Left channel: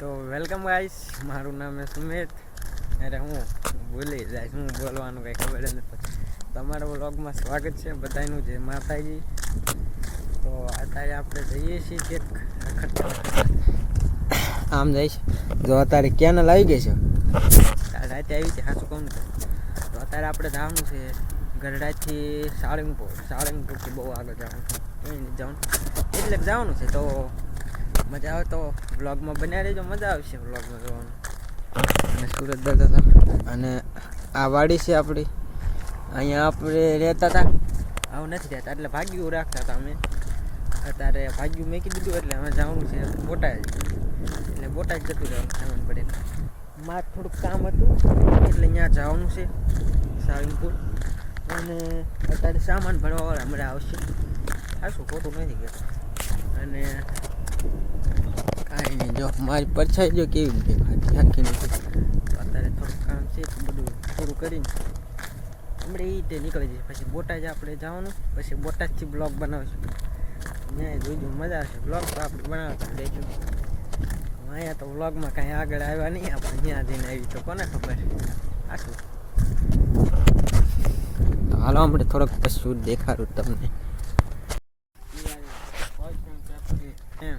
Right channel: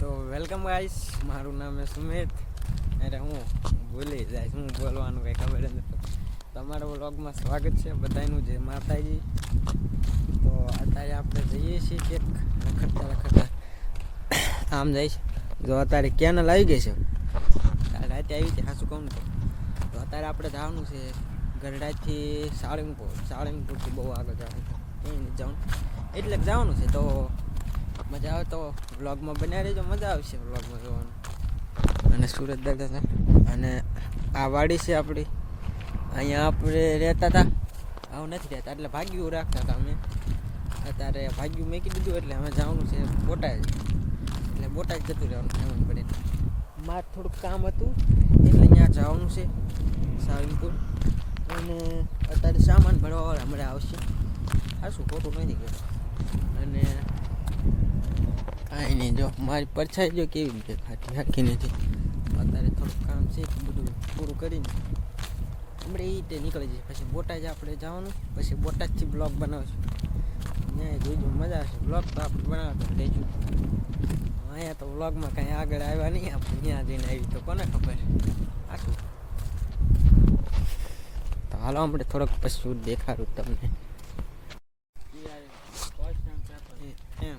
તો welcome guys મારું નામ છે સુમિત. અરે હું ભૂલી જાય હું બોલવાનું કંઈ ખબર જ નથી. તમારા વ્લોગમાં સ્વાગત છે બધાનું જય માતાજી. તો અત્યારે આપણે જઈએ છીએ કે રખડતા આમ જઈશ. જો અત્યારે કેનલ આવી ગઈ છે. રાતે આવી છે સાચું કહું તો. તો અત્યારે આપણે જવાનું છે ગરડાથી સાળંગપુર. સાળંગપુરથી બહુ આગળ જવાનું છે. જવાનું. એટલે જવાનું છે. તો મજા આવે તો વ્લોગમાં બન્યા રહેજો મજા આવશે વ્લોગમાં જોવાનું. અને સુરત જતા હતા. અને આ વાડી છે આપણી અહીંયા આપણે રહેતા હતા. આવું નથી રહેતા એટલે ભાગ્યું રાખતા હતા અમે. અત્યારે ભાગ્યું મેકી દીધું એટલે અમે જવાનું છે બોટાદ. એટલે બોટાદ જતું રહેવાનું સામાન પડે મારે થોડુંક કામ હતું. એટલે અહીંયા જવાનું છે સાળંગપુર અને અત્યારે સામાન ભરવાવાળા હમણાં આવશે. આ શું ખોટું નથી કહેતું. અને કાંઈ નહીં, જો, મારી પરછાઈ જો કેવી દેખાતી આખી નથી અત્યારે થોડુંક કામ છે બધું પૂરું કરીને આપણે એ રીતે નીકળી જઈએ. પછી બોટાદ આપણે જવાનું, પછી બોટાદથી બ્લોગ બનાવશું. ત્યાં જોજો, મજા આવશે. બ્લોગ તો આપણે બનાવતા રહીશું. અહીંયા તો વ્લોગમાં કાંઈ આગળ આવ્યા નહીં, આપણે ત્યાં જઈને આવી તો કોને ખબર? આશું હાલો આપણે થોડોક પછી દેખાડું તમને એમ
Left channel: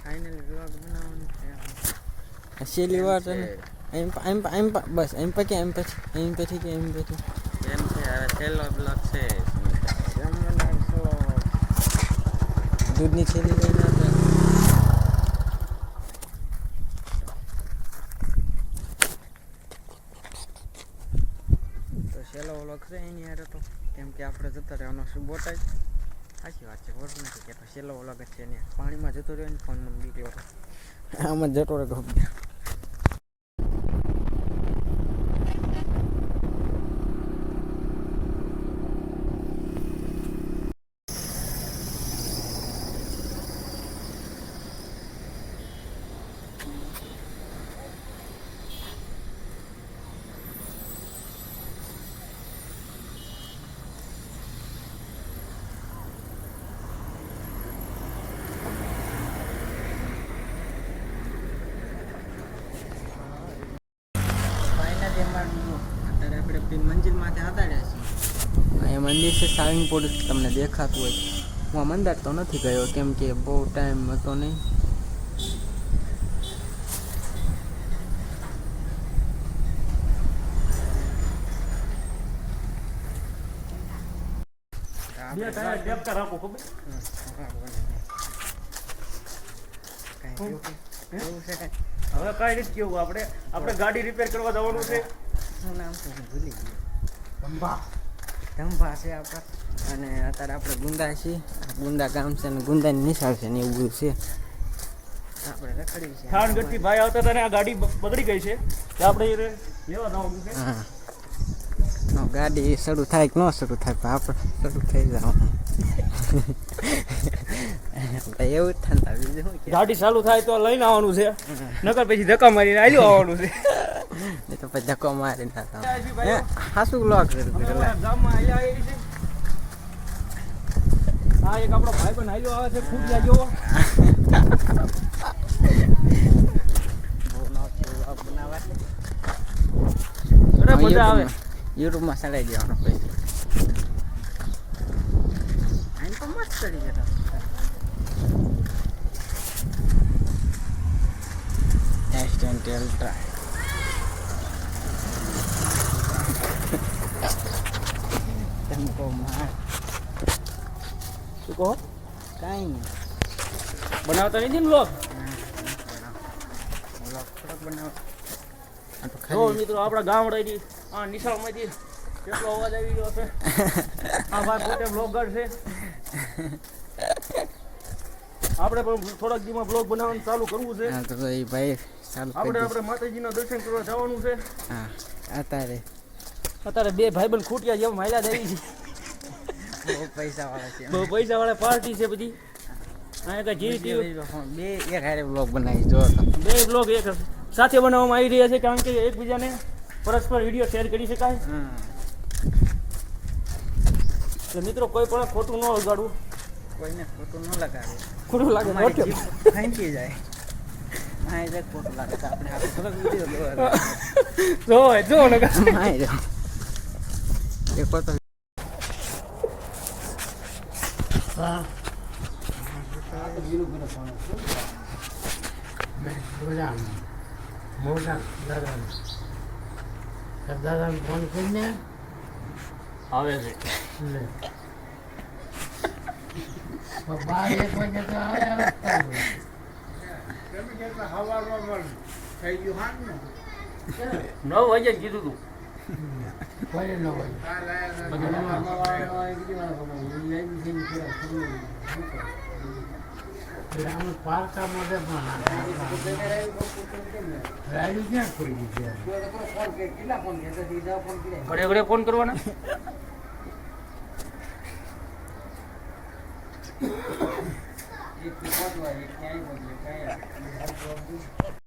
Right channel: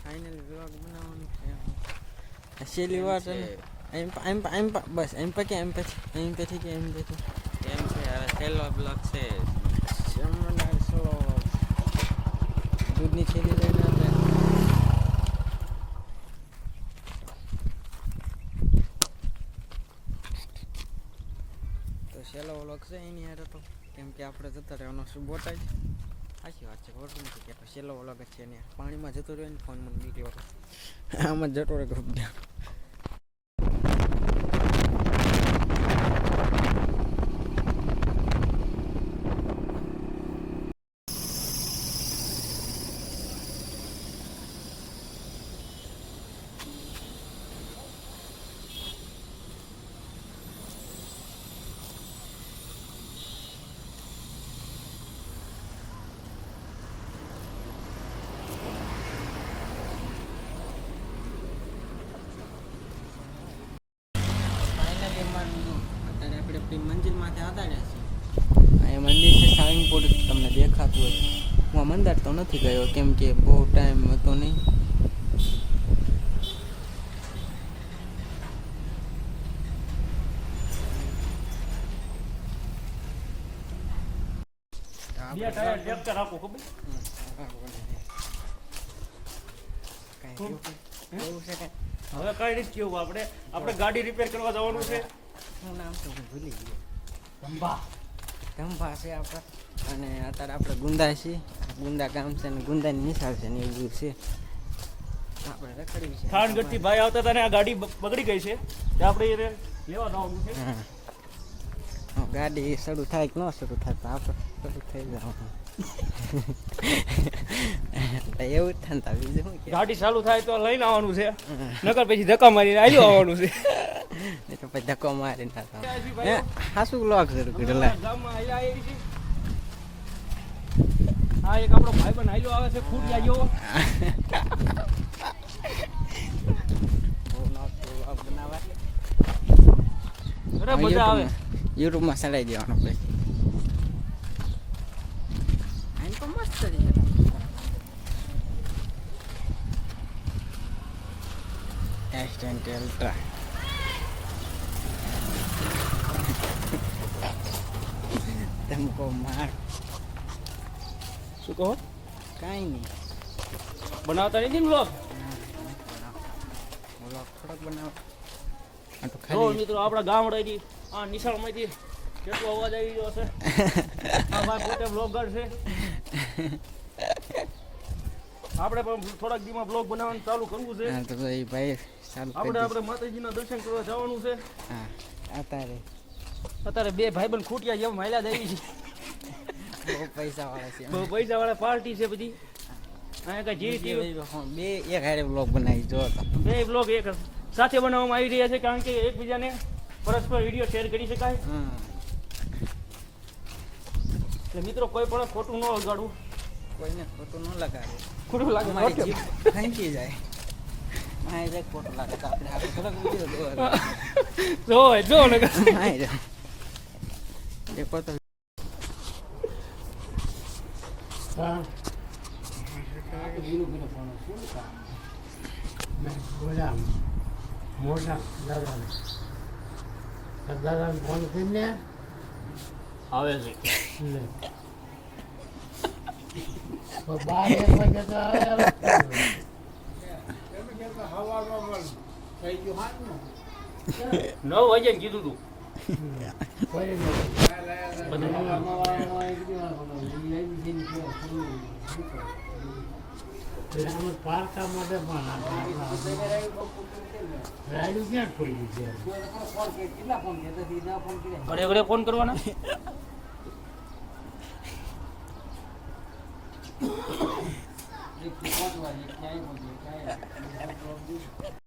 ફાઇનલ વ્લોગ બનાવવાનું છે આ છેલ્લી વાત ને એમ એમ એમ બસ એમ પછી એમ પછી એમ પછી કે એમ પછી એમ છે હવે છેલ્લો બ્લોક છે દૂધની છેલ્લી લઈને તો છેલ્લો વ્લોગ છે એની હારે તો કેમ કે આપણે જતા રહેવાનો શું બોટાય સાચી વાત છે ખોટું નથી તો છેલ્લો વ્લોગ જ છે એની પાણીમાં જતો રહ્યો ને ફોન મને બીક હતો આમાં જતો રહે ગમે ફાઇનલી અમારું અત્યારે આપણે આપણી મંજિલ માથે આધાર્યા છીએ અહીંયા મંદિર છે સાળંગપુર તમને દેખાતું હોય. હું આ મંદિર તો નથી ગયો કેમ કે બહુ ટાઈમ હતો નહીં. બે ટાયર ટેપકા રાખો ખબર કાંઈ એવું એવું છે કાંઈ? હવે કઈ નથી કેવું. આપણે આપણે ગાડી રિપેર કરવા જવાનું છે. શું નામ? તો હું ભૂલી ગયો બંબા ધંભા છે આપણા. અને અત્યારે આપણે ગુંદા છીએ. ગુંદા ગામ છે અને ગુંદાની નિશાળ છે ને એવું બધું છે. આપણે રખડી છે. ભાઈ આવતા હતા ને આ ગાડી બગડી ગઈ છે. તો આપણે લેવા જવાનું છે. ગાડી શરૂ થાય કે ન શરૂ થાય પણ આપણે શરૂ થઈ જવાનું આપણે એવું જ થાય બીજું શું ગાડી ચાલુ થાય તો લઈને આવવાનું છે. નકર પછી ધક્કા મારીને આવી આવવાનું છે. એ તો પછી ધક્કો મારી ના થાય હાસુ લોક છે આ એક આપણો ભાઈ પણ આવ્યો આવે છે ફૂટ લાગ્યો બહુ બનાવવા અરે મજા આવે. યુટ્યુબમાં ચડાઈ દેવાનો પૈસા આમ તો મસ્ત કરી જતા એક્સિડેન્ટલ ટ્રાય તમે કહો માર શું કહો કાંઈ નહીં બનાવતા નથી ને લોક vlog થોડોક બનાવો આ તો જો ખાલી મિત્રો આપણા ગામડાથી આ નિશાળમાંથી કેટલો અવાજ આવી રહ્યો છે આ ભાઈ પોતે બ્લોગર છે. આપણે પણ થોડાક દીમાં બ્લોગ બનાવવાનું ચાલુ કરવું છે. હા તો એ ભાઈ ચાલુ આપણે આપણે માતાજીના દર્શન કરવા જવાનું છે. હા અત્યારે. અત્યારે બે ભાઈબંધ ખૂટ્યા જેમ જ આવી છે બહુ પૈસા વાળા છે. બહુ પૈસા વાળા પાર્ટી છે બધી. બે એક હારે બ્લોગ બનાવી જો બે બ્લોગ એક સાથે બનાવવામાં આવી રહ્યા છે કારણ કે એકબીજાને પરસ્પર વીડિયો શેર કરી શકાય? હા. એટલે મિત્રો કોઈ પણ ખોટું ન ઉગાડવું કોઈને ખોટું ન લગાડવું. ખોટું લાગે ખેંચી જાય. મોટા દાદા. દાદાને ફોન કરીને આવે છે. બાર એક વાગે તો આવે નવ વાગે કીધું તું. કોઈ ઘરે ઘરે ફોન કરવાના એક પહોંચવા એક ક્યાંય પહોંચે ક્યાંય